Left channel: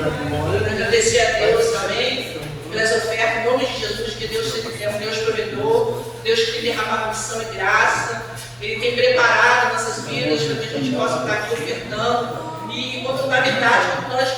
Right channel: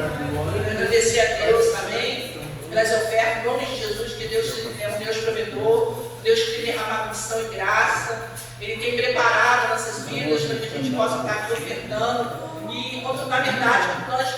Agradecer a Deus também pelas ofertas, em nome de Jesus, que Deus é um Deus provedor, Deus que tem derramado missão e graça. Ele tem preparado nossas vidas para que a gente possa estar aqui ofertando. E quando na verdade, quando nós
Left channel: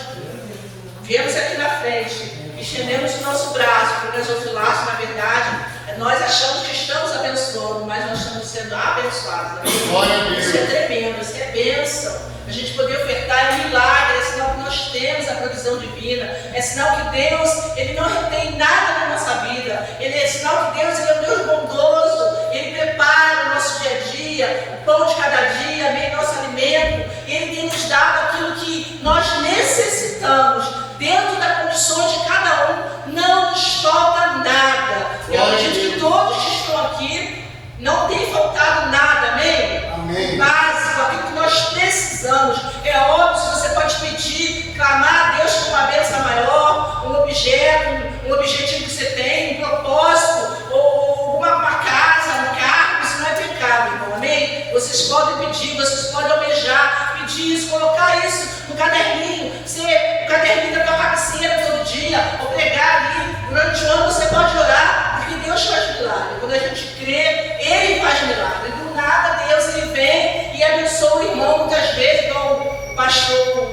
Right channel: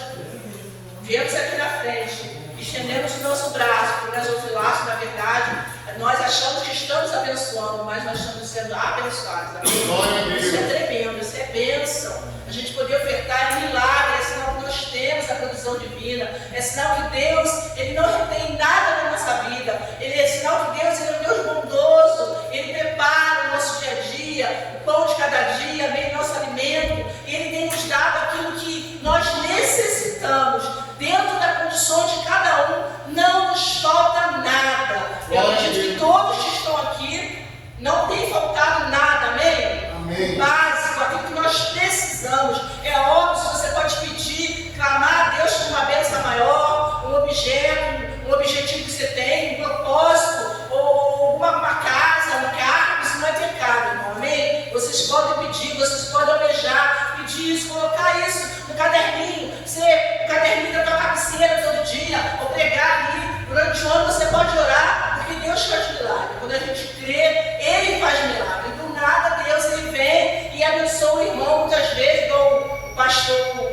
viemos aqui na frente, estendemos o nosso braço para o nosso laço, na verdade, nós achamos que estamos abençoando, mas nós estamos sendo abençoados. Isso é tremendo, isso é bênção. A gente poder ofertar é um milagre, é sinal que nós temos a provisão divina, é sinal que Deus, Ele não retém nada na nossa vida, é sinal que Deus, Ele é um Deus bondoso, Ele prepara o nosso dia a dia, o pão de cada dia, meio nosso alimento, e Ele tem nos dado aquilo que nós necessitamos, dentro das condições de cada um, não nos falta nada. Eu acredito que todos que estão aqui, não tem faltado nada, amém? Amém. Básico, aquilo que nós precisamos. É óbvio, você pode pedir, clamar a Deus por uma bênção maior, um objeto, um objetivo que você tem, um propósito, ou uma casa, um carro, isso não é pecado, irmão, amém? Vocês podem pedir, vocês podem almejar, pedir isso, colocar isso no caderninho, o caderninho da tua cabeceira todo dia, ou pregar ali, durante o ano você pode orar, porque Deus faz milagre. Quando a gente crê, Ele faz milagre. Do nada, Deus Ele vem e abençoa o irmão, muitas vezes, igual o pastor,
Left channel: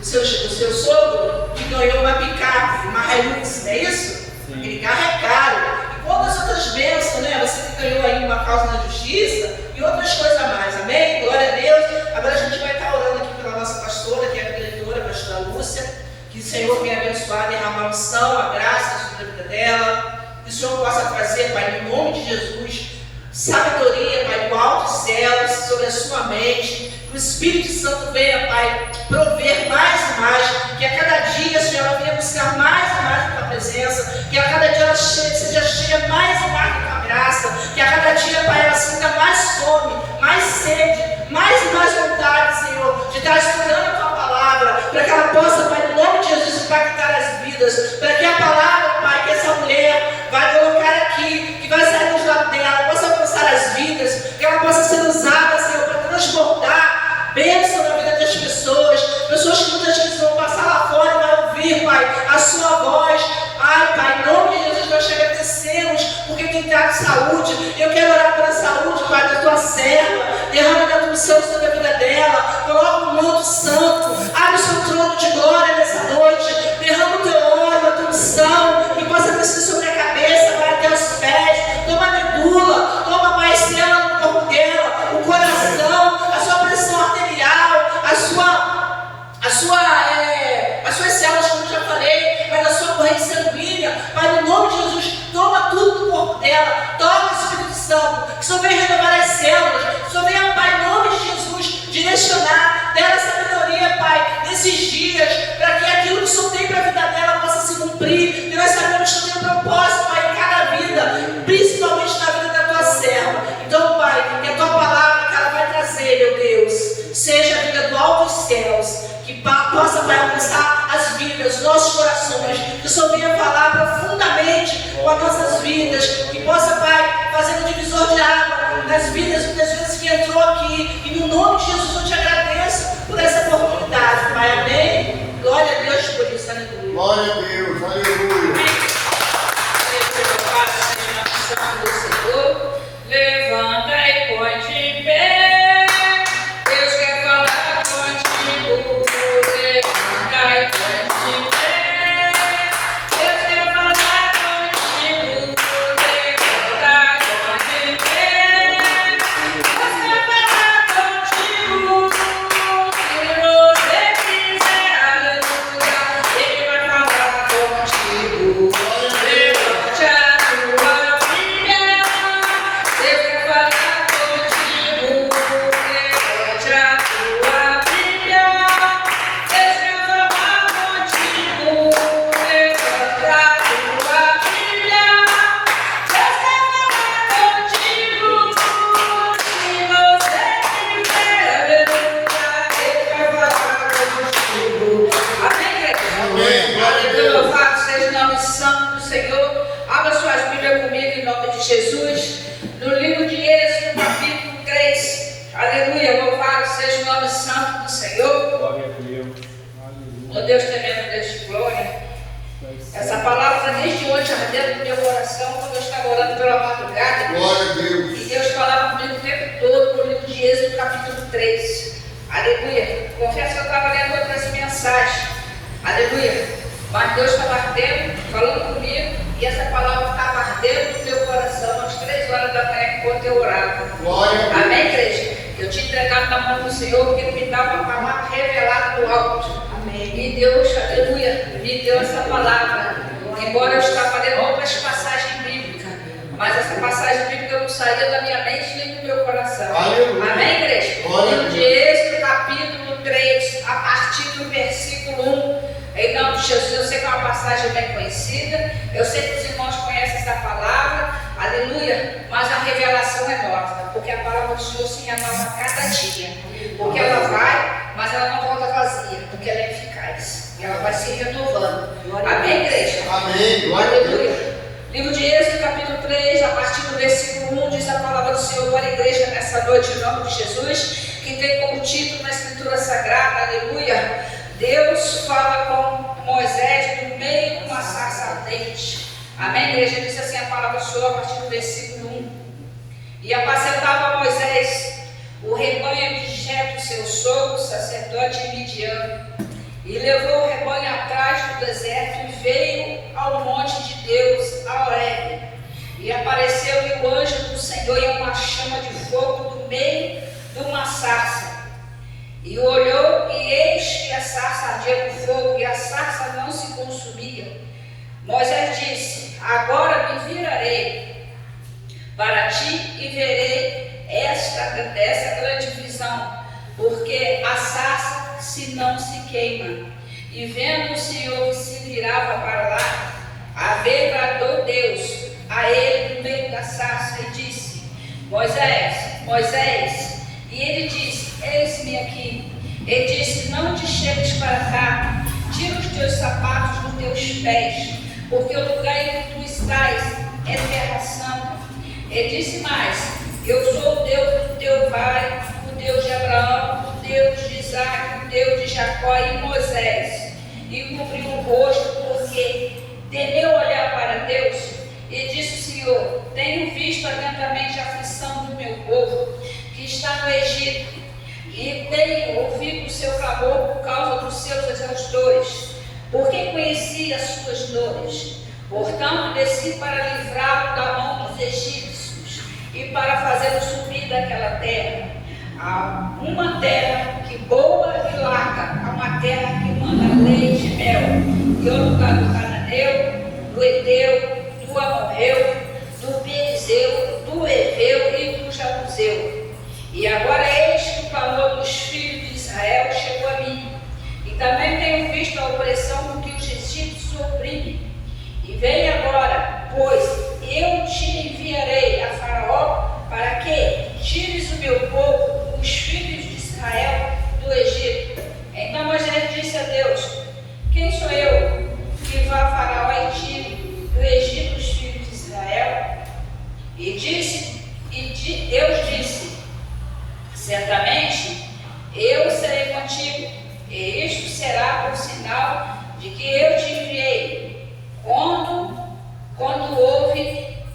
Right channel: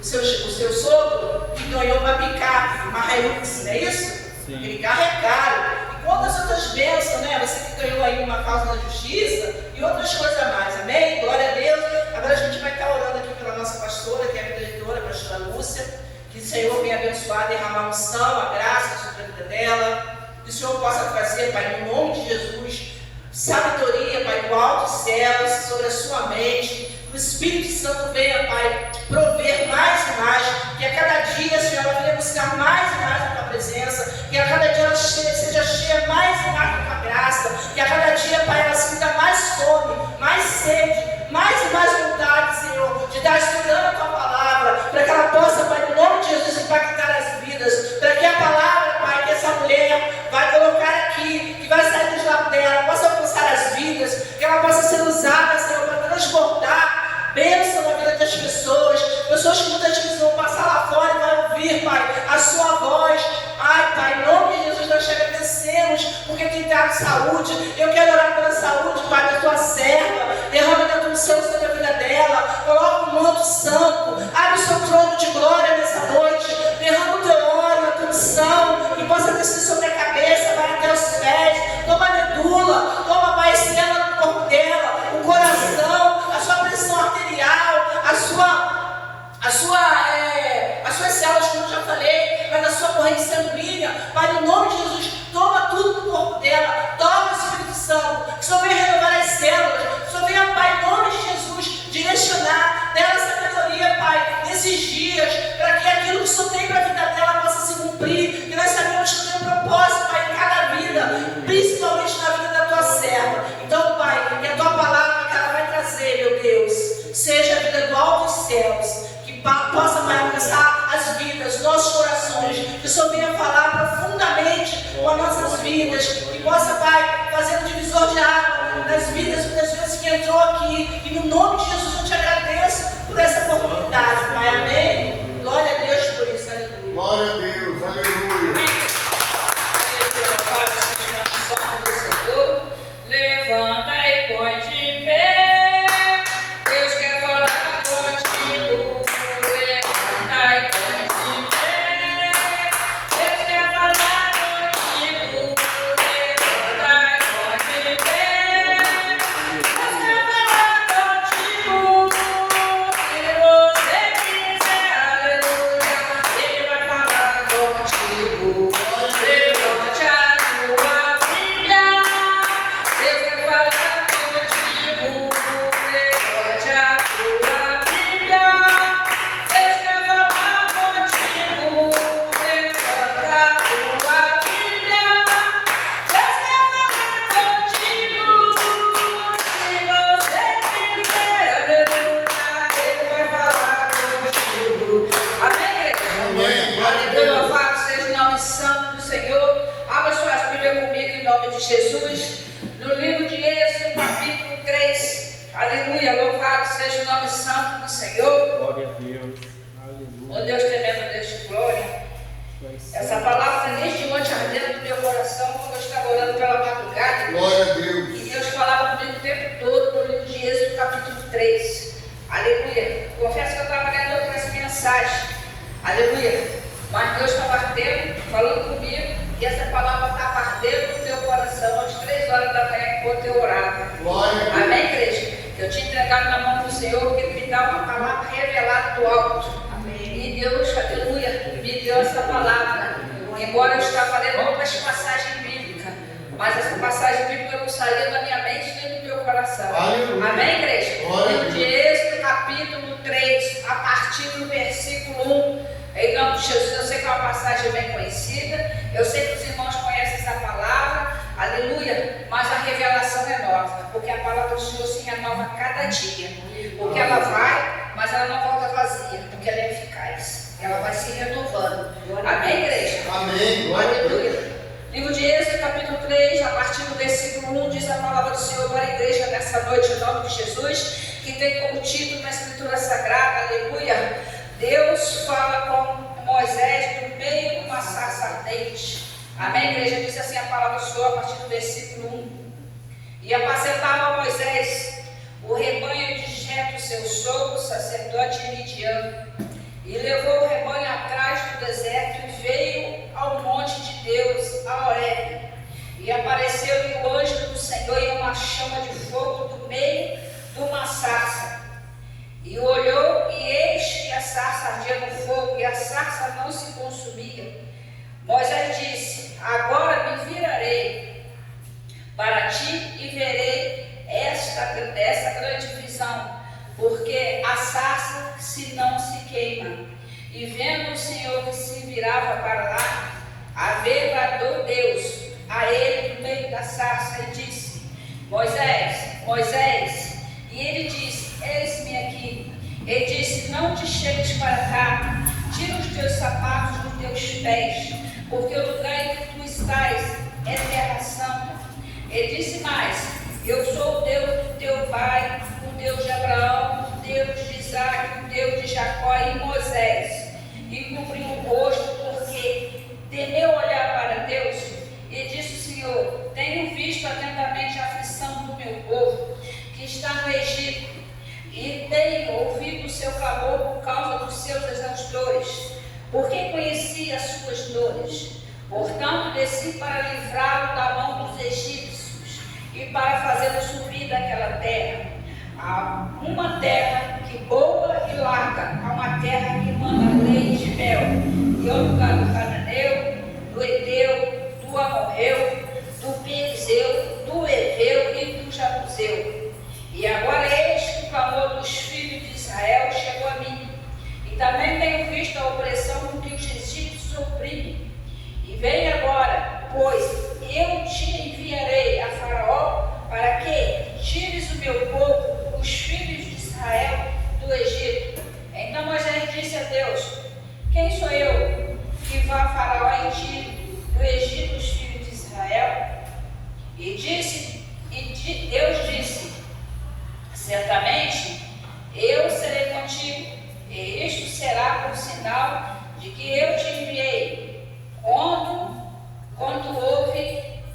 o seu sogro, que ganhou uma picape, uma Hilux, não é isso? Aquele carro é caro. E quantas outras bênçãos, né? Você que ganhou aí uma causa da justiça e outras coisas a mais, amém? Glória a Deus. Agora a gente vai estar orando aqui pela nossa pastora, que é a diretora, a pastora Lúcia, que o Senhor venha abençoar, derramar a unção, a graça sobre a vida dela, que o Senhor possa trazer, Pai, no nome de Jesus, sabedoria, Pai, do alto dos céus, sobre a sua mente, que o Espírito Santo venha, Pai, prover mais e mais, que a cada dia, Senhor, ela venha buscar mais e mais a tua presença, que a cada dia ela seja cheia mais e mais da tua graça, que a cada dia, Pai, ela sinta mais fome, mais sede, mais e mais vontade, Senhor, de estar estudando a tua palavra, para que ela possa, Pai, no nome de Jesus, impactar as vidas, para que a palavra, Pai, que essa mulher vai colocar aqui, que vai sair dos lábios dela, possa alcançar as vidas, que ela possa ser usada, Senhor, para transbordar bênção na vida das pessoas, pessoas que muitas vezes vão passar lá fora e vão ouvir, Pai, a sua voz. Ai, Pai, em nome de Jesus, nós te agradecemos, porque quem está com saúde, eu quero orar pela saúde, Pai, da tua serva, derrama da tua unção sobre a vida dela, coloca um manto santo, abre o seu trono de glória nessa noite, derrama o teu óleo, a tua unção, que possa descer sobre a cabeça, vai até os pés, toma a medula, toma, Pai, estrela no corpo dela, o coração, a sua pressão arterial, as suas células, como eu já falei, mas a sua corrente sanguínea, Pai, no nome de Jesus, toma tudo no corpo dela, toca o Espírito Santo, que o Senhor venha renovar as células, que o Senhor venha, Pai, em nome de Jesus, direcionar, dela sabedoria, Pai, nesses dias, para que aquilo que o Senhor tem para a vida dela possa se cumprir, e nós sabemos que tem um propósito, Pai, em cada vida, principalmente na vida da tua serva. Então, Pai, que a tua palavra que ela vai trazer, meu Deus, seja a vida do alto dos céus, que possa, Pai, alcançar as vidas, nossos corações, que o Senhor venha falar profundamente com as nossas vidas, que possa, Pai, fazer um divisor de água nas vidas, muitas vezes que entrou aqui, e no nome de Jesus eu te agradeço por essa oportunidade, Pai, amém? Glória a Deus por isso, aleluia. Glória a Deus, aleluia. Levanta e põe de pé, Deus quer falar contigo. Levanta e põe de pé, Deus quer falar contigo. Levanta e põe de pé, Deus quer falar contigo. Se você quiser, aleluia, Ele vai falar contigo. Levante a tua Bíblia. Deus quer falar contigo, levante a tua Bíblia. Deus quer falar contigo, levanta a tua Bíblia. Deus quer falar contigo, se você quiser, aleluia, Ele vai falar contigo. Amém, igreja? Amém. Glória a Deus. Louvado seja o nome santo do Senhor. Abra suas Bíblias comigo em nome de Jesus. No livro de Êxodo, capítulo 3. Aleluia. Louvado seja o nome santo do Senhor. Glória a Deus. Aleluia. Ó Deus tremendo, Deus de glória. Essa palavra desde ontem ardendo no meu coração, quando eu estava orando pela madrugada. Glória a Deus. E Deus falava comigo o tempo todo no livro de Êxodo, capítulo 3. Aleluia. Confesso que eu estava lendo outras mensagens. Aleluia. Mas Deus estava ardendo, falando comigo, e essa palavra estava ardendo no meu coração às 3 horas da manhã, enquanto eu orava. Glória a Deus. Amém, igreja? Eu tinha entregado na mão do Senhor, porque Ele me dá uma palavra revelada do alto. Amém. E Deus, aleluia, me deu essa palavra. Embora eu estava lendo outras passagens bíblicas, mas essa passagem bíblica não saía da minha mente nem do meu coração. Aleluia. Amém, igreja? Glória a Livro de Êxodo, capítulo 3, a partir do versículo 1. Em nome de Jesus, eu sei que é uma passagem bem conhecida, eu sei que os irmãos conhecem essa palavra, aleluia, mas a revelação é nova, porque a palavra do Senhor se renova a cada dia, porque ela vai, mas ela não volta vazia, porque ela é eficaz, ela vai se renovando. Amém, igreja? Amém. Glória a Deus. Aleluia. Livro de Êxodo, capítulo 3, a partir do versículo 1, diz a palavra do Senhor para a igreja nessa noite, em nome de Jesus, que tem como título na Escritura Sagrada, aleluia, Deus fala com Moisés no meio de uma sarça ardente. Amém, igreja? Diz assim a palavra do Senhor a partir do versículo 1. E apacentava Moisés o rebanho de Jetro, seu sogro, sacerdote de Midian, e levou o rebanho atrás do deserto e veio ao monte de Deus, a Horebe. E apareceu-lhe o anjo do Senhor em uma chama de fogo do meio de uma sarça. E olhou, e eis que a sarça ardia no fogo, e a sarça não se consumia. Moisés disse: agora me virarei para ti e verei essa grande visão, porque a sarça se não se queima. E vendo o Senhor que se virava para lá, a ver bradou Deus a ele no meio da sarça e disse: Moisés, Moisés. E ele disse: eis-me aqui. Ele disse: não te chegues para cá, tira os teus sapatos dos teus pés, porque o lugar em que tu estás é terra santa. Ele disse mais: eu sou o Deus do teu pai, o Deus de Abraão, o Deus de Isaac, o Deus de Jacó. E Moisés e cobriu o rosto, porque temeu olhar para Deus, e disse: Senhor, tenho visto atentamente a aflição do meu povo que está no Egito, e tenho ouvido o seu clamor por causa dos seus exaustores, porque conheci as suas dores. Portanto, desci para livrá-lo da mão dos egípcios e para fazê-lo subir daquela terra, a uma terra que boa e larga, a uma terra que manda leite e mel, que é o lugar do cananeu, do Eteu, do Amorreu, do Perizeu, do Eveu e do Jabuseu. E agora eis que o clamor dos filhos de Israel chegou a mim, e também tenho visto a opressão com que os egípcios oprimem. E vem agora, pois eu te enviarei a Faraó, para que tires o meu povo, os filhos de Israel, do Egito. Então Moisés disse a Deus: quem sou eu que vá a Faraó e tire do Egito os filhos de Israel? Deus disse: certamente eu serei contigo, e isto será por sinal de que eu te enviei.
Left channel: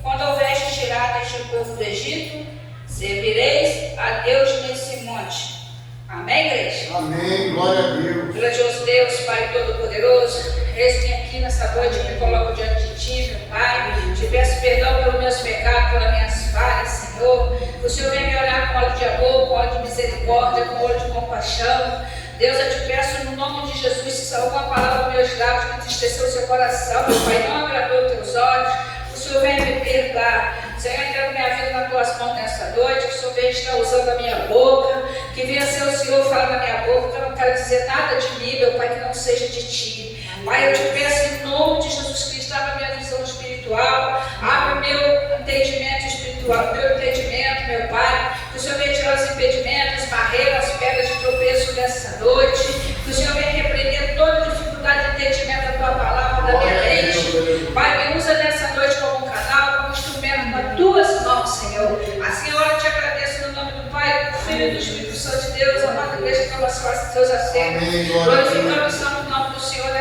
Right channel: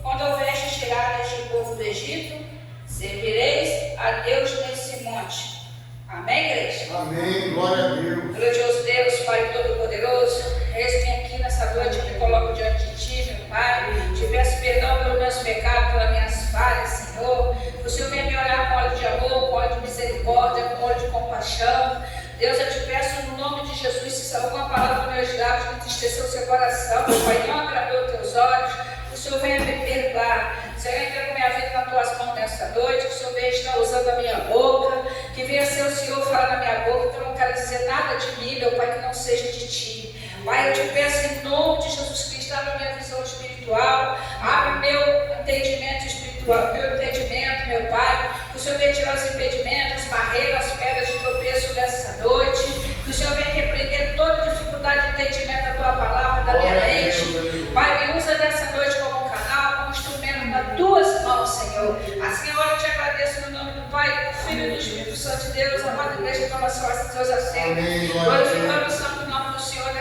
Quando houveste tirado este povo do Egito, servireis a Deus nesse monte. Amém, igreja? Amém. Glória a Deus. Grandioso Deus, Pai Todo-Poderoso, eis-me aqui nessa noite, me coloco diante de Ti, meu Pai. Te peço perdão pelos meus pecados, pelas minhas falhas, Senhor. O Senhor vem me olhar com olho de amor, com olho de misericórdia, com olho de compaixão. Deus, eu te peço no nome de Jesus, se alguma palavra dos meus lábios que entristeceu o seu coração, meu Pai, não agradou os teus olhos, o Senhor venha me perdoar. Senhor, eu entrego minha vida nas tuas mãos nessa noite, que o Senhor venha estar usando a minha boca, que venha ser o Senhor falar na minha boca, que eu não quero dizer nada de mim, meu Pai, que não seja de Ti. Pai, eu te peço em nome de Jesus Cristo, abra a minha visão espiritual, abra o meu entendimento espiritual, meu entendimento, meu Pai, que o Senhor venha tirar os impedimentos, as barreiras, as pedras de tropeço nessa noite, que o Senhor venha repreender toda dificuldade de entendimento da Tua palavra, da minha mente. Pai, me usa nessa noite como um canal, como instrumento nas Tuas mãos, Senhor. Assim, eu te agradeço no nome do Pai, do Filho e do Espírito Santo de Deus, amada igreja, que nós façamos seus assentos, glorificando o santo nome do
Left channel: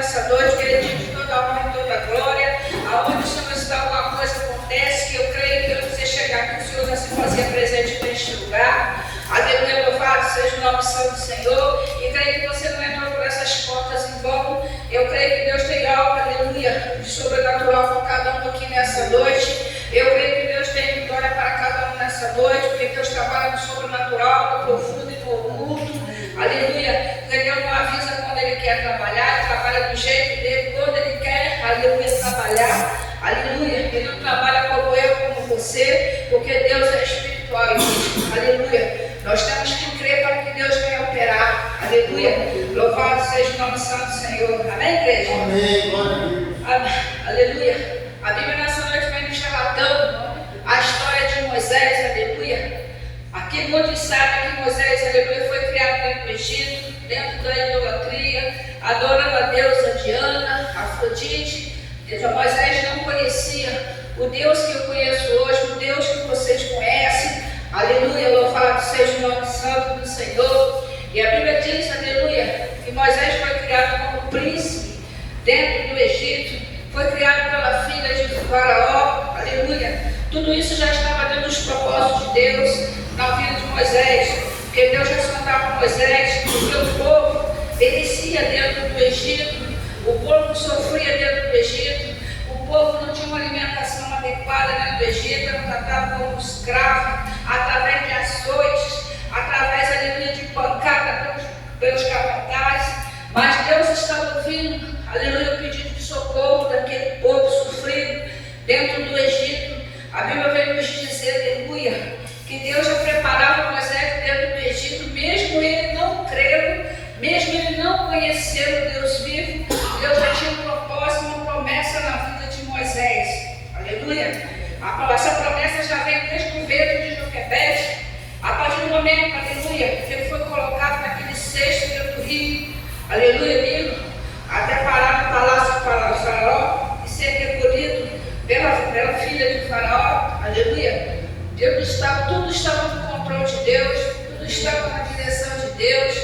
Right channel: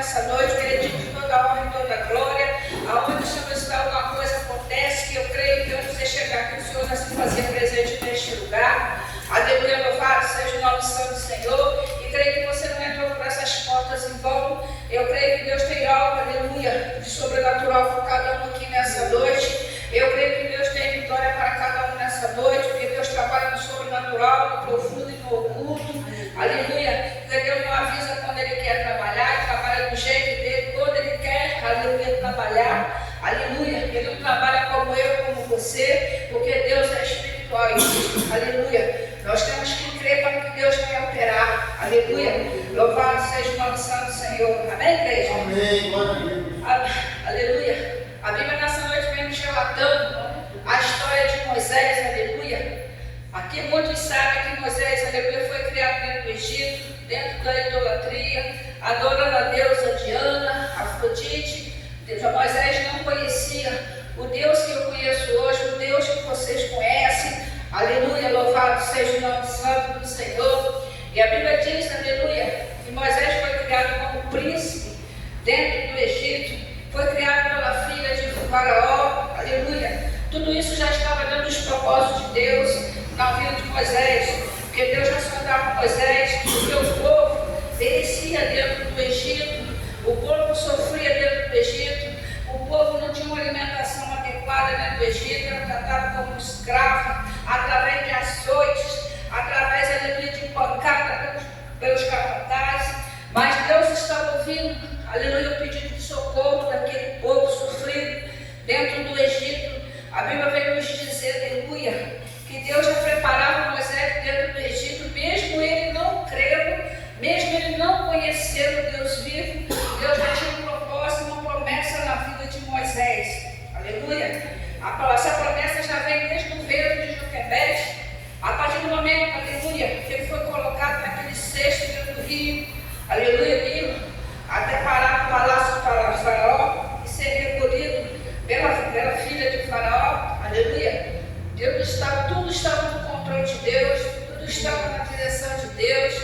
nessa noite, que Ele diz toda a honra e toda a glória. Aonde o Senhor está, alguma coisa acontece, que eu creio que antes de chegar aqui, o Senhor já se fazia presente neste lugar. Aleluia, louvado seja o nome santo do Senhor. E creio que você não entrou por essas portas em vão. Eu creio que Deus tem algo, aleluia, de sobrenatural para cada um aqui nessa noite. Eu creio que Deus tem vitória para cada um nessa noite, porque Deus trabalha no sobrenatural, no profundo e no oculto. Aleluia. Deus não avisa quando Ele quer trabalhar, Ele trabalha do jeito dele, quando Ele quer, aleluia, trabalhar. Aleluia. Ele não trabalha como eu, como você, porque Deus é espiritual. Aleluia. Nós temos que crer para que Deus venha operar. Aleluia. Louvado seja o nome santo do Senhor. Amém, igreja? Amém, glória a Deus. Aleluia. A Bíblia nessa noite vem nos relatando a história de Moisés. Aleluia. Aqui muitos sabem que Moisés, aleluia, foi criado dentro do Egito, dentro da idolatria, adorando a deusa Diana, Afrodite. Moisés não conhecia o Deus que eu conheço hoje, o Deus que vocês conhecem. Aleluia, louvado seja o nome santo do Senhor. E a Bíblia diz, aleluia, que Moisés foi criado como príncipe dentro do Egito, foi criado pela filha de Faraó, aleluia. Tudo isso já estava dentro dos propósitos de Deus na vida de Moisés, porque Deus já sondava Moisés, porque o povo perecia dentro do Egito, o povo sofria dentro do Egito, o povo não tinha uma alimentação adequada dentro do Egito, era tratado como escravo, através de açoites, através, aleluia, de pancada pelos capatazes. Mas Deus estava ouvindo, aleluia, o pedido de socorro daquele povo sofrido dentro do Egito. A Bíblia veio nos dizer, aleluia, que Deus já preparava Moisés dentro do Egito, mesmo ele não crendo, mesmo ele não conhecendo o Deus vivo. Deus já tinha um propósito, uma promessa na vida de Moisés. Aleluia. Essa promessa já vem desde o ventre de Joquebede, a partir do momento, aleluia, que ele foi colocado naquele cesto dentro do rio, aleluia, Nilo, até parar no palácio para Faraó e ser recolhido pela filha de Faraó, aleluia. Tudo estava no controle de Deus, tudo estava na direção de Deus,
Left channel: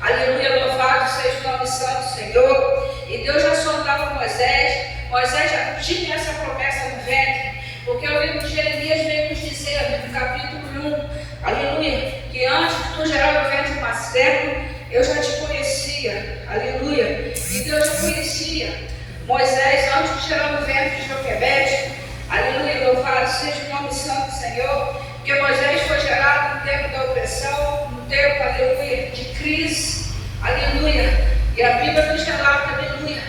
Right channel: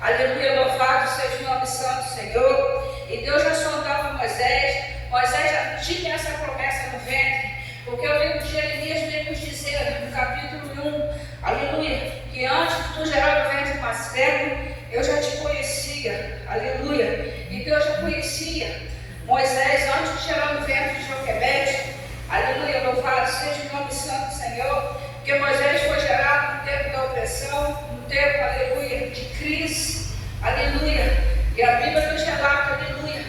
aleluia, louvado seja o nome santo do Senhor. E Deus já sondava Moisés já tinha essa promessa no ventre, porque o livro de Jeremias veio nos dizer, no capítulo 1, aleluia, que antes de tu gerar no ventre materno, eu já te conhecia, aleluia. E Deus já conhecia Moisés antes de gerar no ventre de Joquebede, aleluia, louvado seja o nome santo do Senhor, porque Moisés foi gerado no tempo da opressão, no tempo, aleluia, de crise, aleluia. E a Bíblia nos relata, aleluia,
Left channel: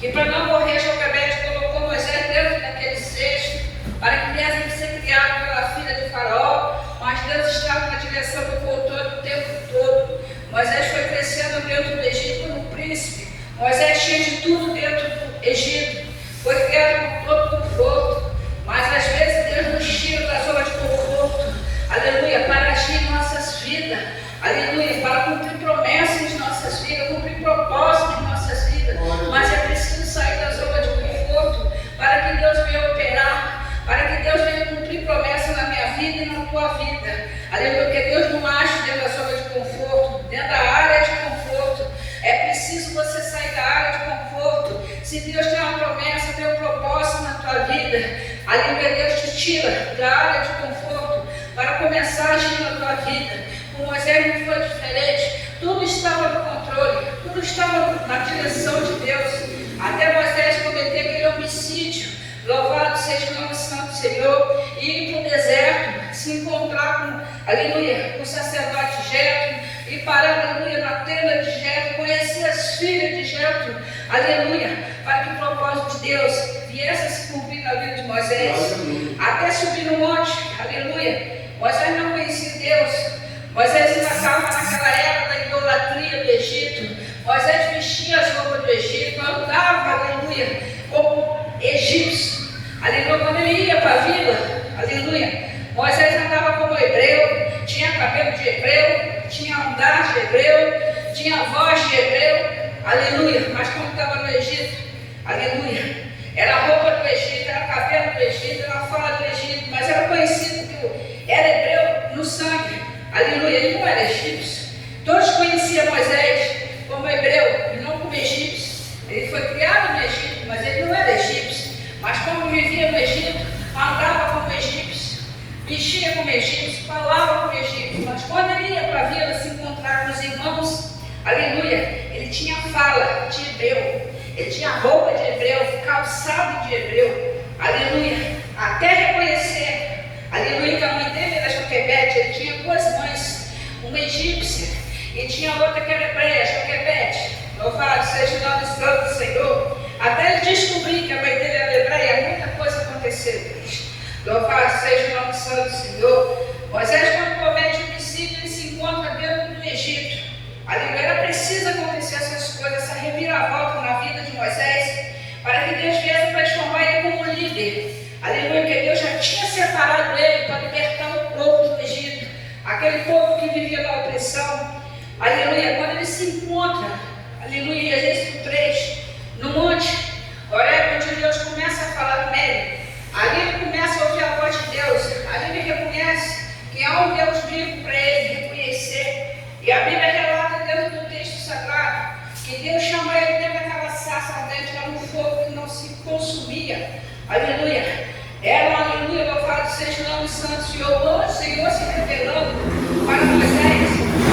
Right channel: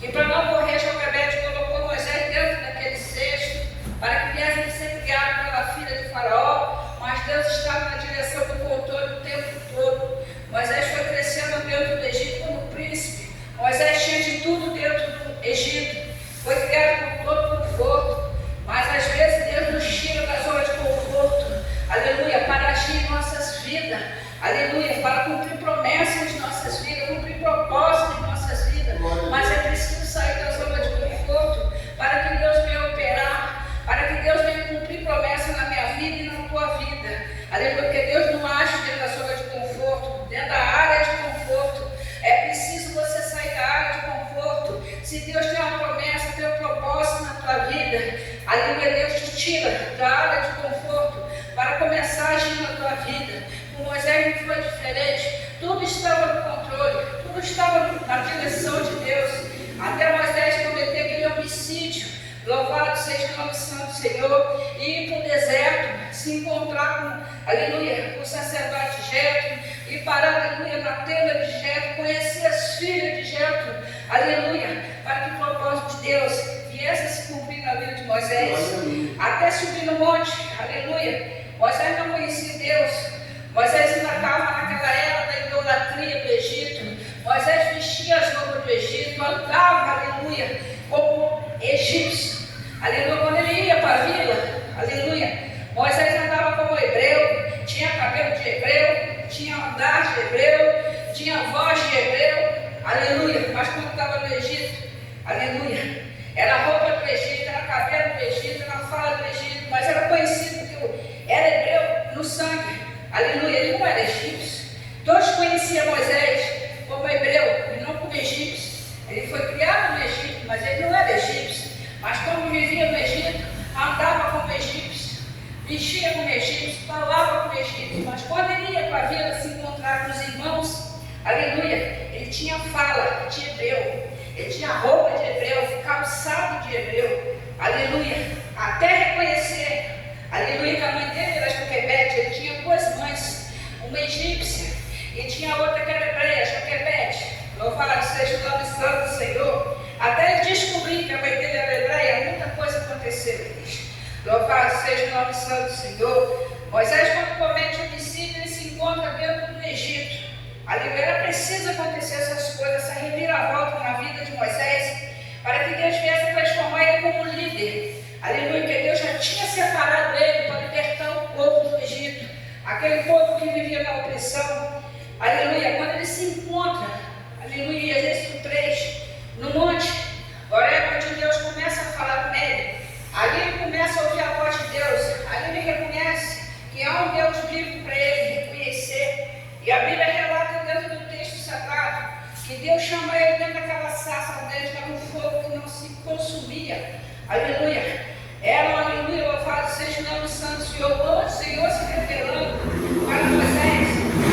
que para não morrer Joquebede colocou Moisés dentro daquele cesto, para que pudesse ser criado pela filha de Faraó, mas Deus estava na direção do controle o tempo todo. Moisés foi crescendo dentro do Egito como príncipe. Moisés tinha de tudo dentro do Egito, foi criado com todo conforto, mas às vezes Deus nos tira da zona de conforto, aleluia, para agir em nossas vidas, aleluia, para cumprir promessas em nossas vidas, cumprir propósitos em nossas vidas, mas é preciso sair da zona de conforto, para que Deus venha operar, para que Deus venha cumprir promessa na minha vida e na tua vida, aleluia, porque Deus não age dentro da zona de conforto, dentro da área de conforto. É preciso você sair da área de conforto. Se Deus tem uma promessa, tem um propósito na tua vida, aleluia, Deus te tira da área de conforto para começar a agir na tua vida. Com Moisés não foi diferente, tudo estava no controle, tudo estava na direção de Deus, até Moisés cometer aquele homicídio. Louvado seja o nome santo do Senhor, e ir para o deserto, se encontrar com, aleluia, com o sacerdote Jetro, e parar, aleluia, na tenda de Jetro, conhecer as filhas de Jetro, aleluia, para que o propósito de Deus viesse a se cumprir na vida de Moisés, até subir no monte, aleluia. Moisés não conhecia Deus, Moisés ainda estava naquela era da idolatria do Egito, Moisés vestia as roupas do Egito, andava, aleluia, como egípcio, aleluia, quando ele ia para a vila, aleluia, Moisés andava como hebreu, tinha cabelo de hebreu, tinha andar de hebreu, tinha voz de hebreu, aleluia, mas quando estava no Egito, aleluia, era a roupa do Egito, era cabelo do Egito, era a fala do Egito, mas era conhecido que era hebreu no sangue, aleluia, ele não era egípcio. Todos conheciam Moisés como hebreu e não como egípcio. Ele foi ele tinha fala de hebreu, ele tinha roupa de hebreu, calçado de hebreu, aleluia, até reconhecer, aleluia, que a mãe dele era Joquebede, ele tinha duas mães, uma egípcia e tinha outra que era hebreia, Joquebede. Louvado seja o nome santo do Senhor. Até ele descobrir que a mãe dele era hebreia, muita coisa aconteceu. Louvado seja o nome santo do Senhor. Moisés, quando comete homicídio, ele se encontra dentro do Egito. Aleluia, precisa acontecer essas coisas, essa reviravolta na vida de Moisés, para que Deus viesse transformar ele como líder. Aleluia, que Deus já tinha separado ele para libertar o povo do Egito, aquele povo que vivia na opressão. Aleluia, quando ele se encontra, aleluia, Êxodo 3, no monte Horebe, onde Deus começa a falar com ele, ali ele começa a ouvir a voz de Deus, ali ele reconhece que há um Deus vivo para ele reconhecer. E a Bíblia relata dentro do texto sagrado que Deus chamou ele dentro daquela sarça ardente, era um fogo que não se consumia. Aleluia. Era um aleluia, louvado seja o nome santo do Senhor. O Senhor se revelando para Moisés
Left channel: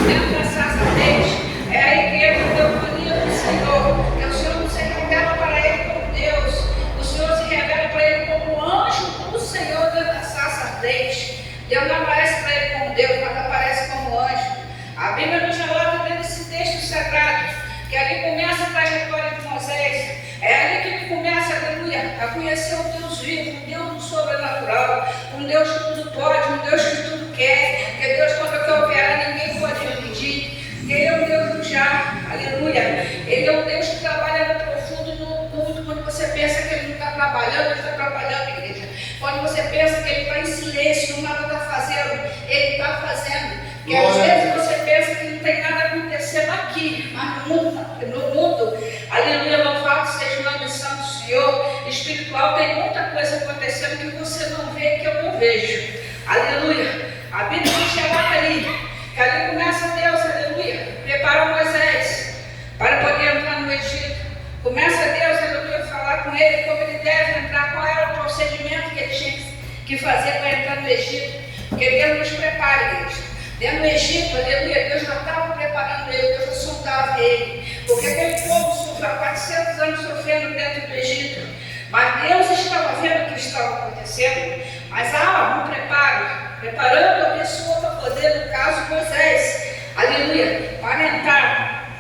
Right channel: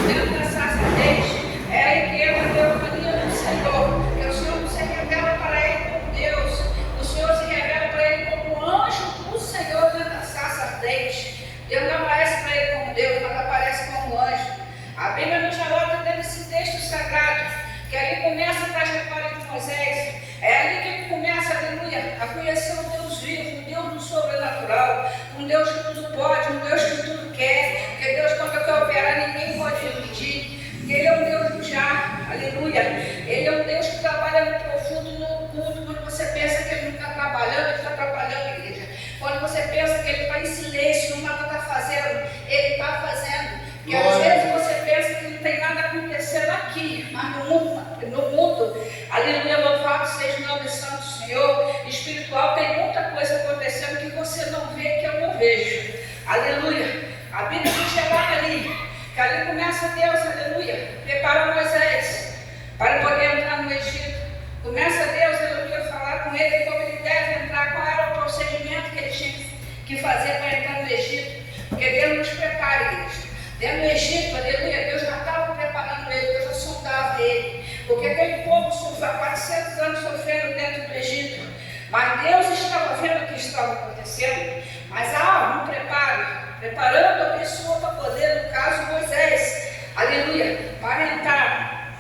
dentro da sarça ardente. É aí que ele deu a mania do Senhor. Que o Senhor não se revela para ele como Deus. O Senhor se revela para ele como anjo do Senhor dentro da sarça ardente. Deus não aparece para ele como Deus, mas aparece como anjo. A Bíblia nos relata dentro desse texto sagrado que ali começa a trajetória de Moisés. É ali que ele começa, aleluia, a conhecer o Deus vivo, um Deus do sobrenatural, um Deus que tudo pode, um Deus que tudo quer, que Deus, quando quer operar, ninguém pode impedir, que Ele é um Deus do já, aleluia. Ele é um Deus que trabalha no profundo e no oculto. Quando você pensa que Ele não está trabalhando, Ele está trabalhando, igreja. Quando você pensa que Ele está em silêncio, não nada está fazendo, Ele está fazendo. E às vezes você pensa que não tem nada acontecendo aqui, mas no mundo, aleluia, louvado seja o nome santo do Senhor, espiritual, tem muita coisa acontecendo que você não vê, que eu não vejo. Aleluia. A Bíblia nos relata ali, que ali começa Deus, aleluia, prepara Moisés para poder entrar no Egito. Começa Deus, aleluia, a falar com ele como ele deve entrar, qual era o procedimento que ele tinha que fazer para entrar no Egito. Porque Deus nos prepara, igreja. Dentro do Egito, aleluia, Deus já estava preparando ele, Deus já sondava ele. Porque aquele povo sofreu 400 anos sofrendo dentro do Egito. Mas Deus estava vendo o que estava acontecendo. Mas há um preparo, preparando a pessoa para poder, no caso Moisés, aleluia, para entrar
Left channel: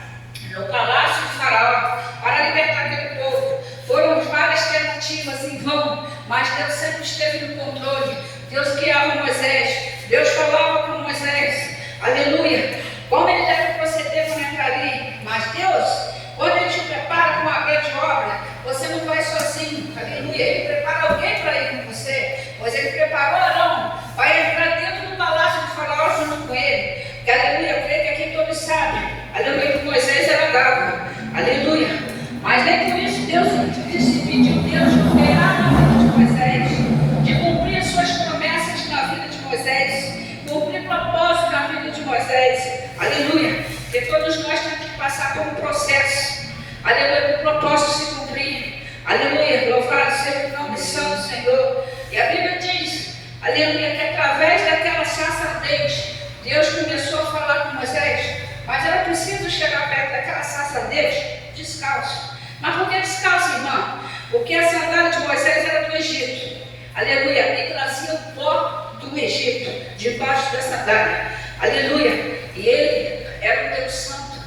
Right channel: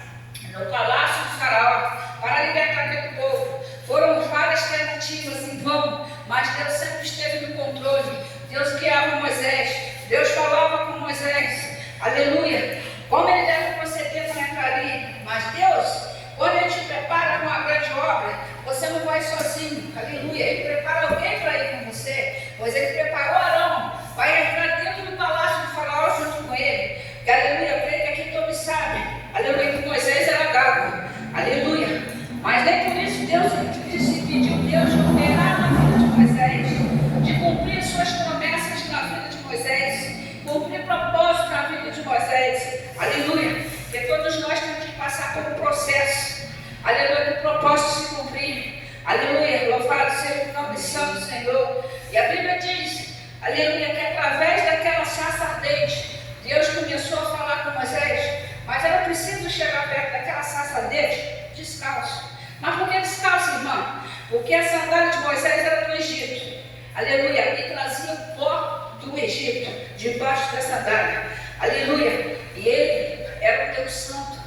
no palácio de Faraó, para libertar aquele povo. Foram várias tentativas em vão, mas Deus sempre esteve no controle. Deus guiava Moisés, Deus falava com Moisés, aleluia, como ele deve proceder para entrar ali. Mas Deus, quando Ele te prepara com uma grande obra, você não vai sozinho, aleluia, Ele prepara alguém para ir com você, pois Ele preparou Arão para entrar dentro do palácio de Faraó junto com ele, que, aleluia, eu creio que aqui todos sabem, aleluia, que Moisés era d'água, aleluia, mas nem por isso Deus se pediu, Deus operar na vida de Moisés, de cumprir suas promessas na vida de Moisés, cumprir propósito na vida de Moisés, aleluia, que todos nós temos que passar por um processo, aleluia, para o propósito se cumprir, aleluia, louvado seja o nome santo do Senhor. E a Bíblia diz, aleluia, que através daquela sarça ardente, Deus começou a falar com Moisés, mas era preciso chegar perto daquela sarça ardente descalço. Mas por que descalço, irmão? Porque a sandália de Moisés era do Egito, aleluia, e trazia o pó do Egito debaixo da sandália, aleluia, e ele era um Deus santo.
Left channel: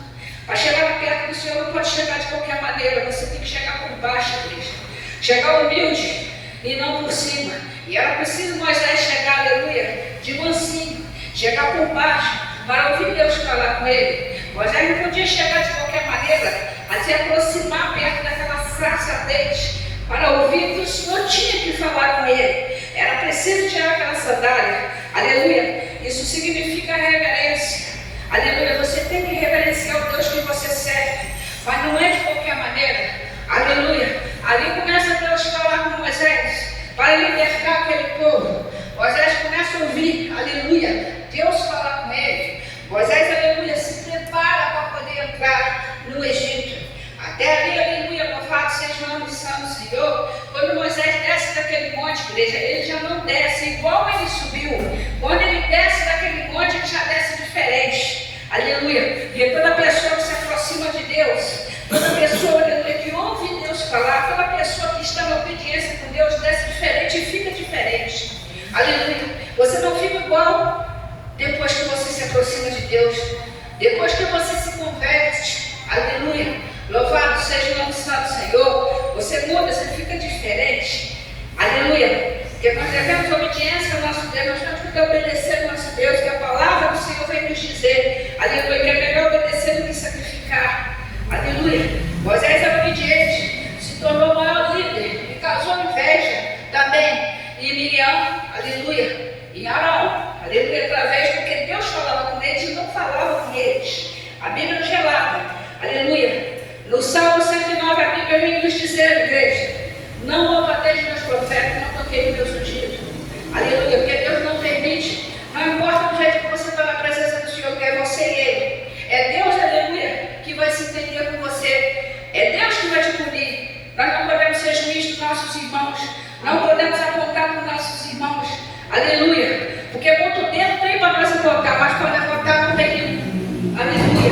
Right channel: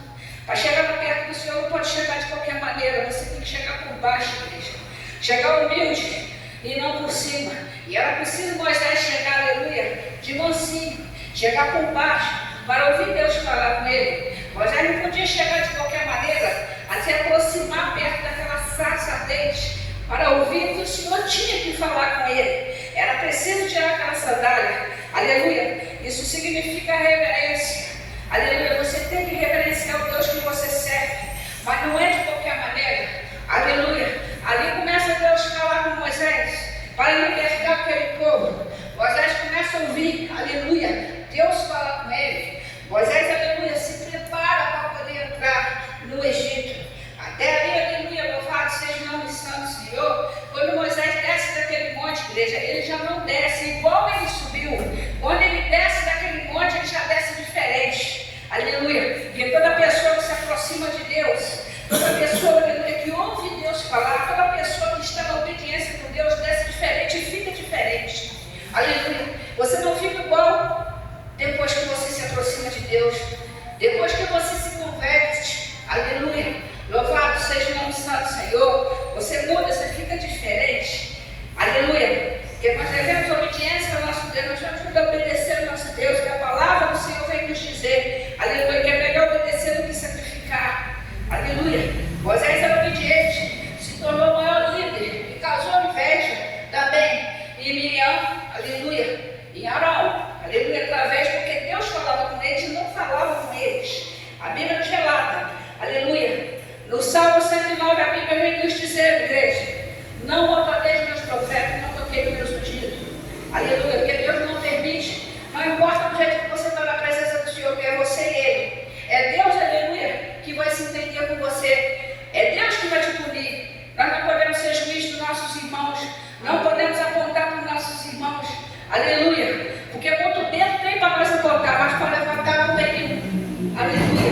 Para chegar perto do Senhor não pode chegar de qualquer maneira, você tem que chegar por baixo, igreja, chegar humilde e não por cima. E era preciso Moisés chegar, aleluia, de mansinho, chegar por baixo para ouvir Deus falar com ele. Moisés não podia chegar de qualquer maneira, a se aproximar perto daquela sarça ardente para ouvir que o Senhor tinha que falar com ele. Era preciso tirar aquela sandália, aleluia. Isso significa reverência, aleluia. Você tem que reverenciar o Deus que você serve, mas não é de qualquer maneira, aleluia. Ali começa Deus a falar com Moisés para libertar aquele povo. Moisés começa a ouvir, aleluia, Deus fala com ele. Moisés, aleluia, se prepara para poder entrar no Egito. Até ali, aleluia, louvado seja o nome santo do Senhor. Quando Moisés desce daquele monte, igreja, ele já não desce igual ele subiu. Quando ele desce daquele monte, ele já desce diferente. Aleluia. E toda pessoa que se aproxima de Deus, Aleluia. Louvado seja o nome santo do Senhor. Você muda, você fica diferente. Aleluia. Porque nós devemos obediência ao nosso Deus, nós temos que obedecer ao nosso Deus, que a palavra do Senhor vem nos dizer, aleluia, que é melhor obedecer do que sacrificar. Aleluia. Moisés era obediente, se tornou o maior líder e causou inveja também em Miriam, aleluia, em Arão, aleluia, através, porque Deus falava com eles e não falava com eles. A Bíblia nos relata, aleluia. No Salmo 109, a Bíblia vem nos dizer, igreja, não maltrateis meus profetas, não toquei meus ungidos. Aleluia, porque Deus não permite, não importa o jeito que você está na presença do Senhor, que é você e Ele. É Deus, aleluia, que vai se entender com você. É Deus que vai te punir. Nós não podemos ser juízes dos nossos irmãos. Não podemos apontar para os nossos irmãos. Aleluia. Porque muito dedo tem para nós apontar, mas para levantar não tem nenhum. Aleluia.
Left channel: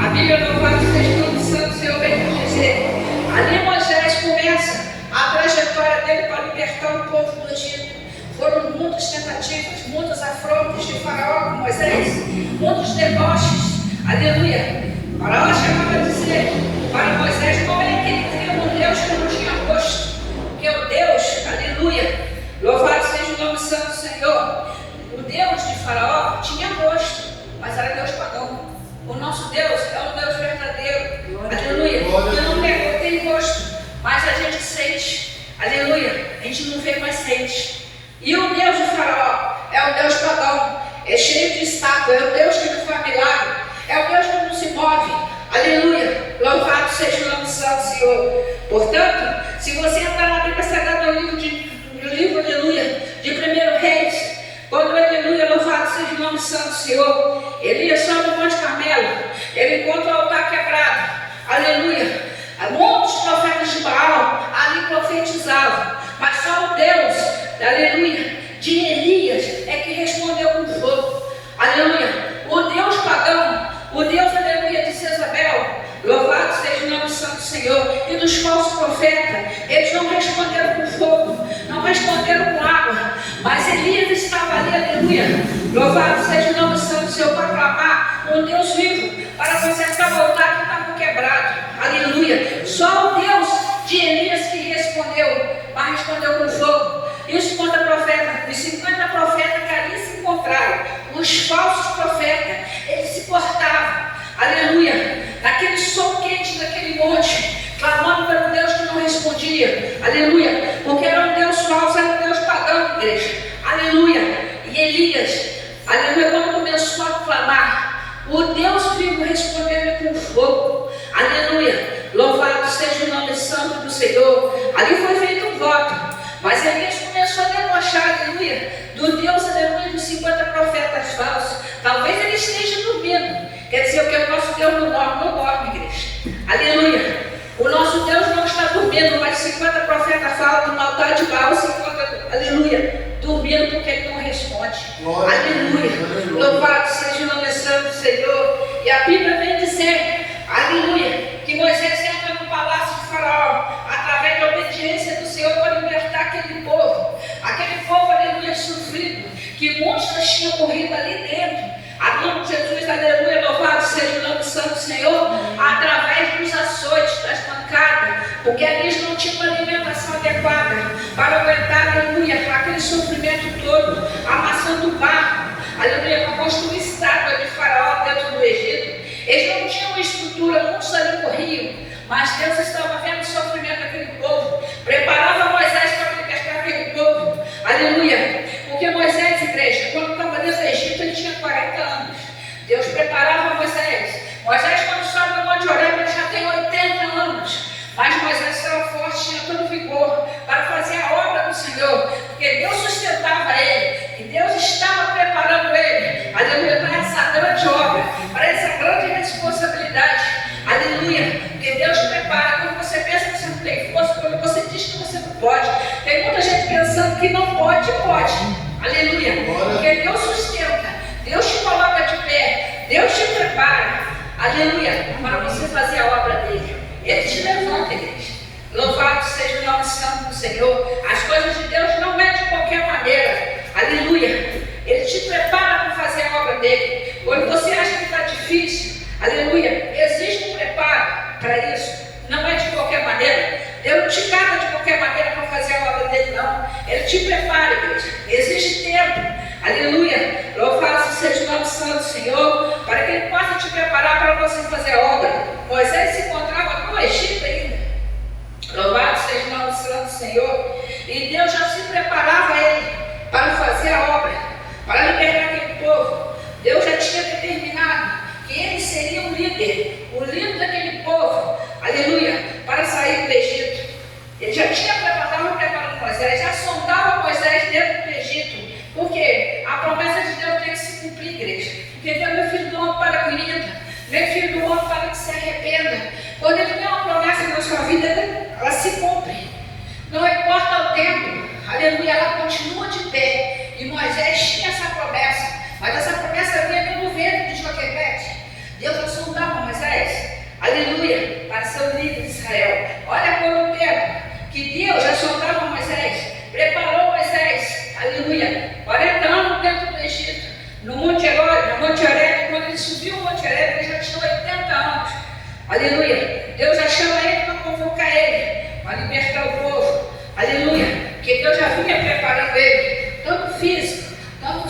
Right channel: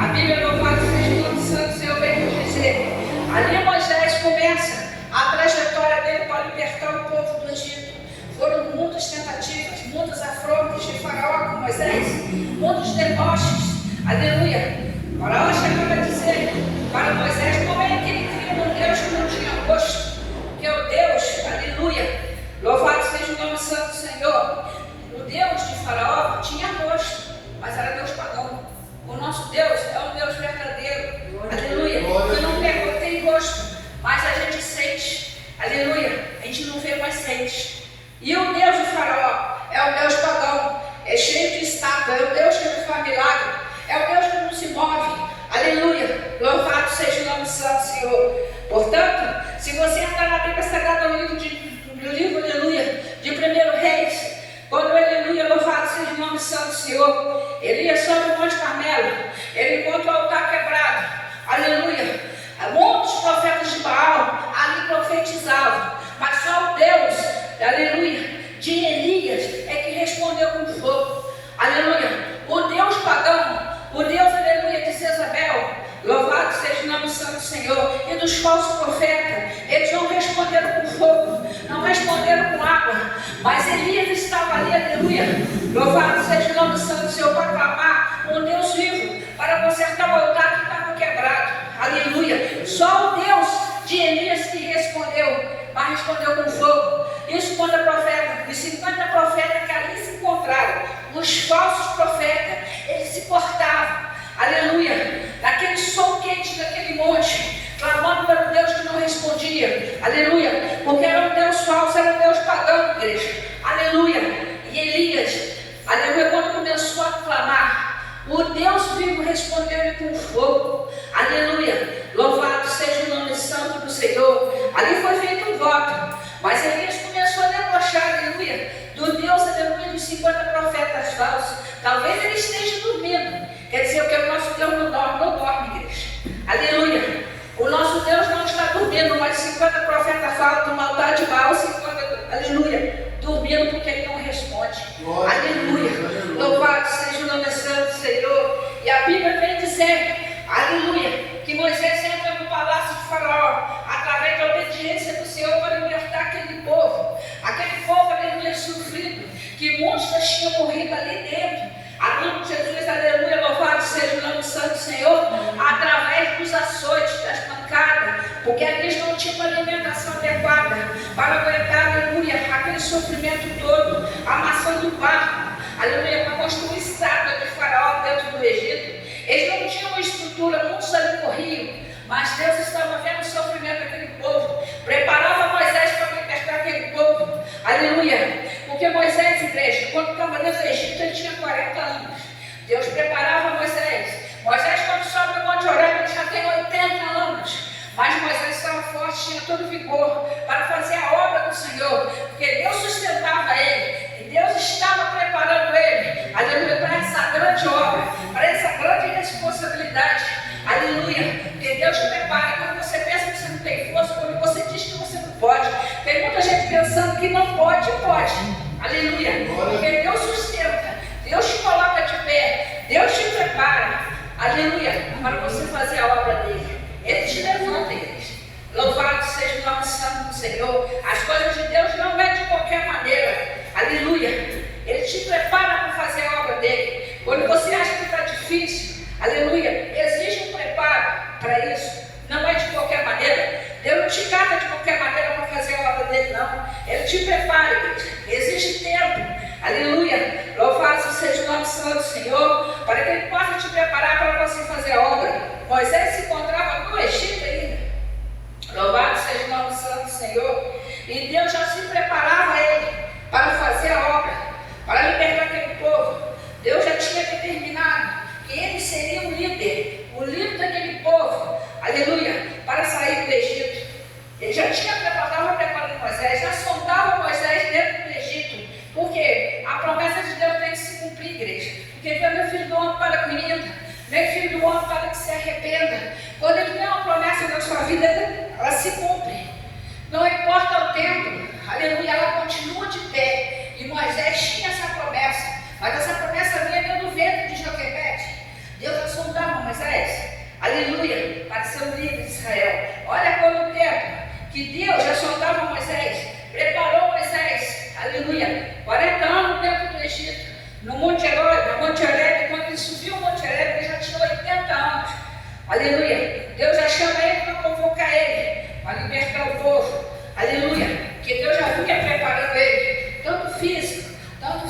A Bíblia louvada seja o nome santo, Senhor, vem nos dizer. Ali Moisés começa a trajetória dele para libertar o povo do Egito. Foram muitas tentativas, muitas afrontas de Faraó com Moisés, muitos deboches. Aleluia. Faraó chegava a dizer para Moisés: como é que ele cria um Deus que não tinha rosto? Porque o Deus, aleluia, louvado seja o nome santo do Senhor, o Deus de Faraó tinha rosto, mas era Deus pagão. O nosso Deus é um Deus verdadeiro, aleluia, que não tem rosto, mas a gente sente, aleluia, a gente não vê, mas sente. E o Deus de Faraó é um Deus pagão, é cheio de estátua, é o Deus que não faz milagre, é o Deus que não se move, aleluia, louvado seja o nome santo do Senhor. Portanto, se você entrar na Bíblia Sagrada no livro, aleluia, de 1 Reis, quando, aleluia, louvado seja o nome santo do Senhor, Elias sobe no Monte Carmelo, ele encontra o altar quebrado, aleluia, muitos profetas de Baal ali profetizavam, mas só o Deus, aleluia, de Elias é que respondeu com fogo, aleluia. O Deus pagão, o Deus, aleluia, de Jezabel, louvado seja o nome santo do Senhor, e dos falsos profetas, eles não responderam com fogo, não responderam com água, mas Elias estava ali, aleluia, louvado seja o nome santo do Senhor, para clamar um Deus vivo, para consertar o altar que estava quebrado, aleluia. Só o Deus de Elias que respondeu, mas respondeu com fogo. E os 50 profetas, os 50 profetas que ali se encontraram, os falsos profetas, eles se portavam, aleluia, naquele sol quente daquele monte, clamando pelo Deus que não respondia, aleluia, porque era um Deus falso, era um Deus pagão, igreja, aleluia. E Elias, aleluia, quando começou a clamar, o Deus vivo respondeu-lhe com fogo, aleluia, louvado seja o nome santo do Senhor. Ali foi feito um voto, mas Elias começou a debochar, aleluia, do Deus, aleluia, dos 50 profetas falsos. Talvez ele esteja dormindo, quer dizer, que o nosso Deus não dorme, igreja, aleluia. O nosso Deus não está dormindo, mas 50 profetas falam do altar de Baal, 50, aleluia, dormindo porque ele não responde, aleluia, louvado seja o nome santo do Senhor. E a Bíblia vem dizer, aleluia, que Moisés entra no palácio de Faraó, através da obediência do Senhor, para libertar aquele povo, aleluia, sofrido, que muitos tinham morrido ali dentro. A nome de Jesus, aleluia, louvado seja o nome santo do Senhor, através dos açoites, das pancadas, porque eles não tinham uma alimentação adequada para aguentar, aleluia, aquele sofrimento todo, amassando o barro, aleluia, para construir estátua de Faraó dentro do Egito. Eles não tinham uma estrutura, muitos ali morriam, mas Deus estava vendo o sofrimento daquele povo, preparava Moisés para libertar aquele povo, aleluia, porque Moisés, igreja, quando estava dentro do Egito, ele tinha 40 anos, Deus preparava Moisés, quando sobe no Monte Horebe, ele já tem 80 anos, mas Moisés estava forte, tinha todo vigor para fazer a obra do Senhor, porque Deus sustentava ele, e Deus estava preparando ele, aleluia, para essa grande obra, para essa grande responsabilidade, aleluia, porque Deus prepara. Quando você pensa que você não tem força, quando você diz que você não pode, tem muita gente pensando que não pode, aleluia, porque Deus sustenta, Deus te coloca de pé, Deus te prepara, aleluia, para você fazer a obra dele. Ele te levanta, igreja. Louvado seja o nome santo do Senhor. As coisas de Deus não é de qualquer maneira, aleluia. Ele te prepara para fazer a obra dele. Quando você acha que está difícil, aleluia, existe um preparo para isso. Não é de qualquer maneira. Deus não te cata de qualquer maneira para fazer a obra dele, não. Ele te prepara, igreja. Existe tempo. Aleluia. Louvado seja o nome santo do Senhor, para que ele possa te preparar para você fazer a obra. Moisés se encontrava no Egito ainda. Louvado seja o nome santo do Senhor. E Deus já se preparava ele para fazer a obra, para libertar aquele povo. Deus já tinha determinado que ele seria o líder daquele povo, aleluia, para sair do Egito. Ele já tinha preparado Moisés, já sondava Moisés dentro do Egito, porque a promessa de Deus tem que se cumprir, igreja. Porque Deus é filho do homem para que minta, não é filho do homem para que se arrependa. Quando ele tem uma promessa na sua vida, ela se cumpre. Não importa o tempo, aleluia, ela continua de pé. E Moisés tinha essa promessa, mas essa promessa vinha pelo vento de Joquebede. Deus já sondava Moisés, aleluia, para ser o líder de Israel. Olha quanto tempo que Deus já sondava Moisés, preparou Moisés, aleluia, 40 anos dentro do Egito, no Monte Horebe. Quando ele subiu o Monte Horebe, ele já tinha 80 anos, aleluia. Deus já chama ele para convocar ele, para libertar o povo, aleluia, que Deus já vinha preparando ele, tanto físico, tanto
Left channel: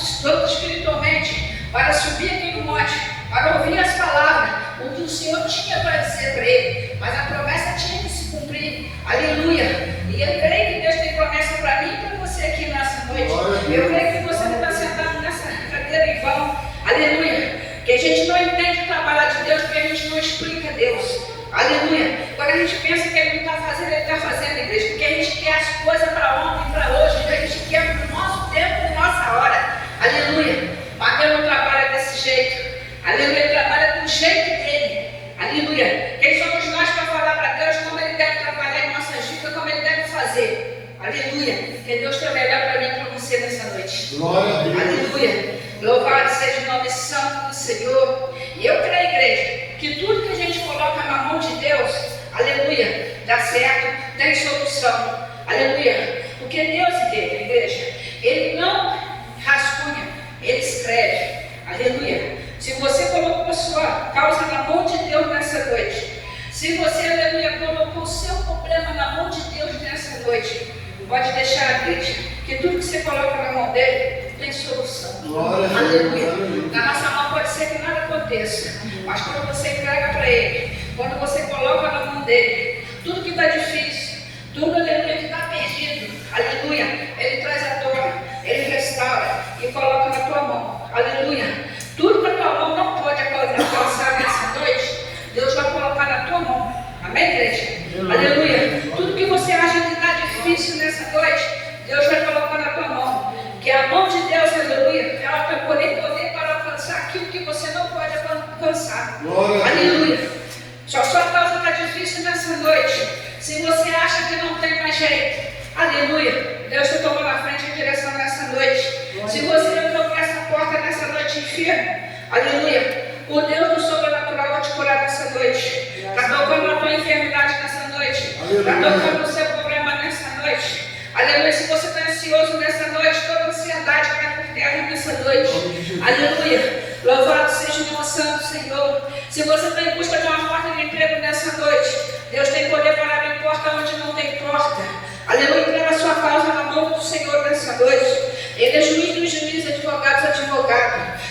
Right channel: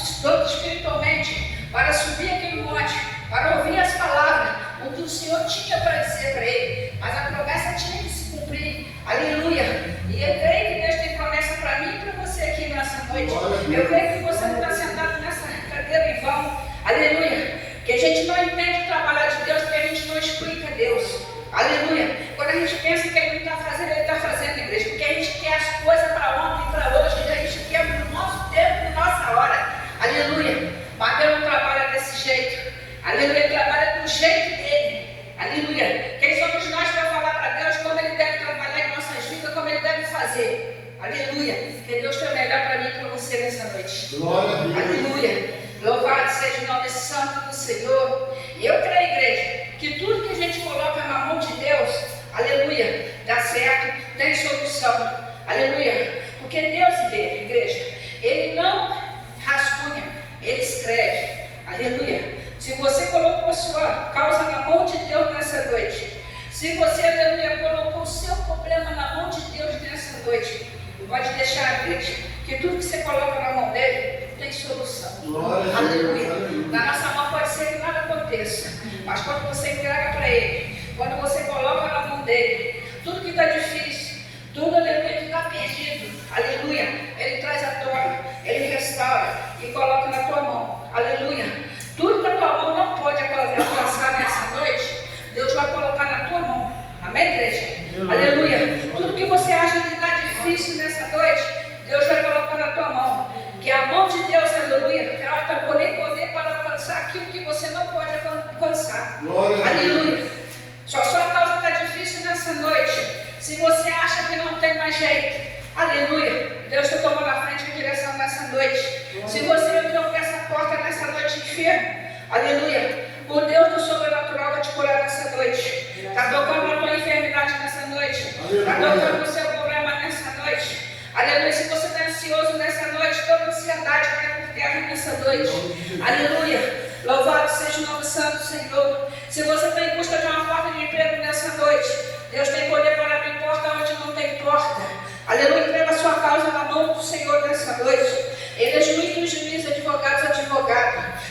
espiritualmente, para subir aqui no monte, para ouvir as palavras, o que o Senhor tinha para dizer para ele, mas a promessa tinha que se cumprir, aleluia. E eu creio que Deus tem promessa para mim e para você aqui nessa noite. Eu creio que você não está sentado nessa cadeira em vão, aleluia, que a gente não entende o trabalho de Deus, porque a gente não explica Deus, aleluia. Quando a gente pensa que Ele não está fazendo, Ele está fazendo, igreja, porque a gente quer as coisas para ontem e para hoje, a gente quer no nosso tempo e nossa hora, aleluia. Mas Deus não trabalha desse jeito, aleluia. Ele trabalha do jeito dele, aleluia. Quem somos nós para falar para Deus como Ele deve trabalhar em nossas vidas, como Ele deve fazer, aleluia. Que Deus tem melhor para mim e para você nessa noite, Glória a Deus. aleluia. Louvado seja o nome santo do Senhor. E eu creio, igreja, que tudo que a gente coloca na mão de Deus, aleluia, dá certo, tem solução, aleluia. Porque Deus, igreja, Ele não rascunha, Ele escreve, aleluia. Se você colocou a sua causa na mão de Deus nessa noite, se você, aleluia, colocou o seu problema na mão de Deus nessa noite, pode deixar, igreja, que tudo que você coloca na mão dele tem solução. Glória a Deus. Aleluia. Na nossa mão pode ser que nada aconteça, mas quando você entrega para Ele, quando você coloca na mão dele, tudo que está difícil, tudo, aleluia, que está perdido, aleluia, Ele traz à tona, Ele restaura e coloca na tua mão, aleluia. Tudo que a tua mão não pode alcançar nessa noite, Deus vai colocar na tua mão, amém, igreja? Aleluia. Tudo que você acha que está difícil nessa noite, Deus vai colocar na tua mão. Que a mão de Deus, aleluia, ela vai poder para alcançar aquilo que você não pode alcançar. Aleluia. Só a sua causa está difícil nessa noite. Se você acha que não tem mais jeito, aleluia, Deus te tomou na frente em direção nessa noite. Se você entrou por essa porta nessa noite enfermo, aleluia, o Deus do sobrenatural vai te curar nessa noite. Está tocando na tua enfermidade nessa noite. Está tocando no seu problema nessa noite. Aleluia. Se você está ansioso nessa noite, toda ansiedade vai por terra nessa noite. Aleluia. Louvado seja o nome santo do Senhor. Se você está em busca de uma porta de emprego nessa noite, Deus tem poder para abrir porta onde não tem porta. Aleluia. Entrega a sua causa na mão do Senhor nessa noite. Ele é juiz dos juízes, advogado,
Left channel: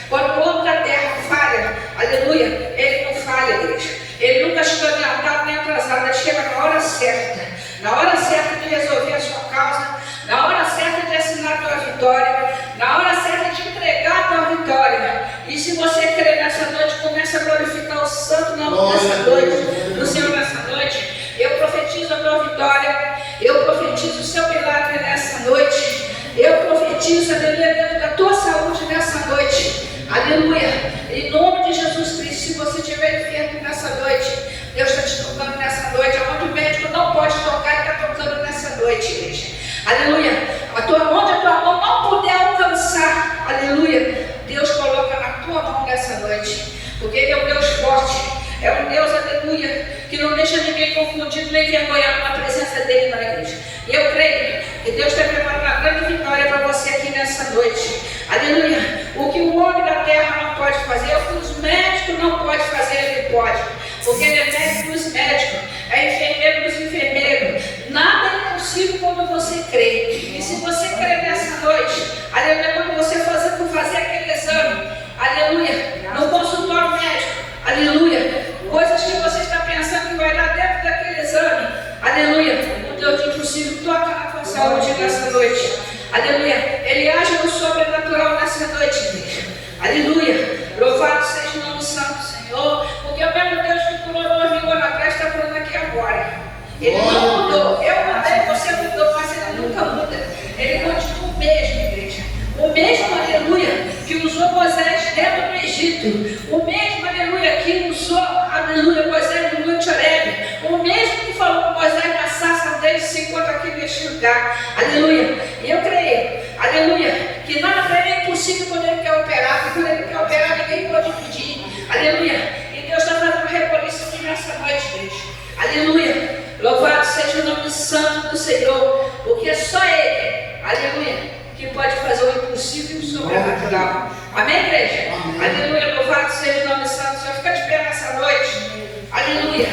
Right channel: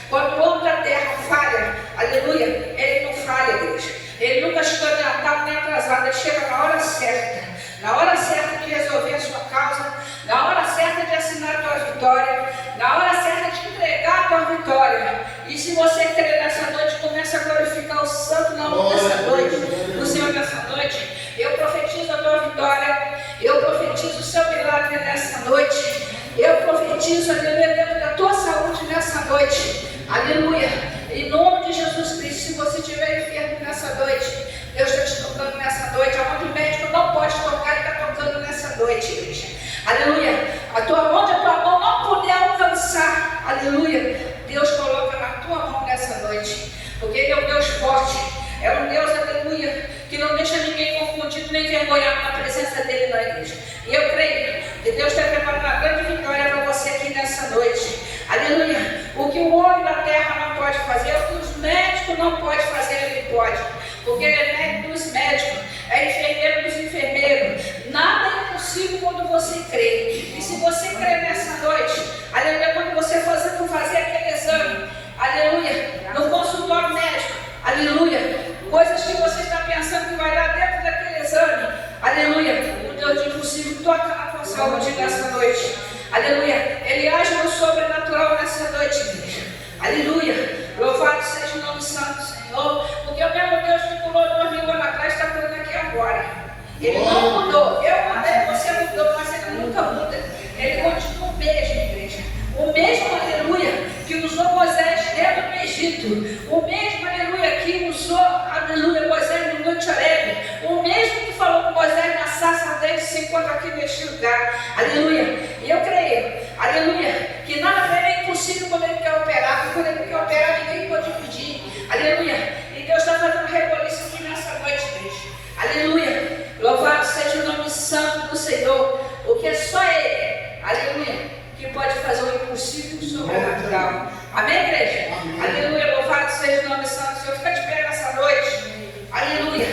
Quando o homem da terra falha, aleluia, ele não falha, igreja. Ele nunca chega adiantado nem atrasado, ele chega na hora certa. Na hora certa de resolver a sua causa, na hora certa de assinar a tua vitória, na hora certa de entregar a tua vitória. E se você crer nessa noite, começa a glorificar o santo nome dessa noite, do Senhor nessa noite. Eu profetizo a tua vitória, eu profetizo o seu milagre nessa noite, eu profetizo, aleluia, dentro da tua saúde nessa noite, aleluia. Em nome de Jesus Cristo, se você estiver enfermo nessa noite, Deus está te tocando nessa noite, aonde o médico não pode tocar, Ele está tocando nessa noite, igreja. Aleluia. Onde a tua mão não puder alcançar, aleluia, Deus coloca na tua mão nessa noite, porque Ele é um Deus forte, é um Deus, aleluia, que não deixa ninguém confundido nem envergonhado na presença dEle na igreja. E eu creio que Deus está preparando uma grande vitória para você aqui nessa noite. Aleluia. O que o homem da terra não pode fazer, o que os médicos não podem fazer, Ele pode. porque Ele é médico dos médicos, é enfermeiro dos enfermeiros. Nada é impossível quando você crê. E se você crê nessa noite, aleluia, quando você fazer aquele exame, aleluia, no consultório médico, aleluia, coisas que você está pensando que vai dar dentro daquele exame, aleluia, o Deus de impossível toca na tua saúde nessa noite, aleluia, Ele age no sobrenatural nessa noite, igreja, aleluia, louvado seja o nome santo do Senhor, porque o mesmo Deus que pulou 2000 anos atrás está falando aqui agora. Ele não mudou, eu mudei, você mudou, mas Ele nunca muda, Ele continua o mesmo, igreja, o mesmo, aleluia, que usou Moisés dentro do Egito, o mesmo, aleluia, que usou, aleluia, Moisés no Monte Horebe, o mesmo que falou com Moisés na sarça dele, se encontra aqui neste lugar, aleluia, e eu creio, aleluia, que nada para Ele é impossível quando Ele quer operar, porque quando Ele quer operar ninguém pode impedir, aleluia, e Deus está fazendo reboliço aqui nessa noite, igreja, aleluia, louvado seja o nome santo do Senhor, porque só Ele, aleluia, que pode fazer o impossível e o sobrenatural. Amém, igreja? Amém. Aleluia, louvado seja o nome santo do Senhor. Fica de pé nessa noite. Aleluia.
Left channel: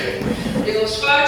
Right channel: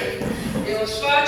Deus forte.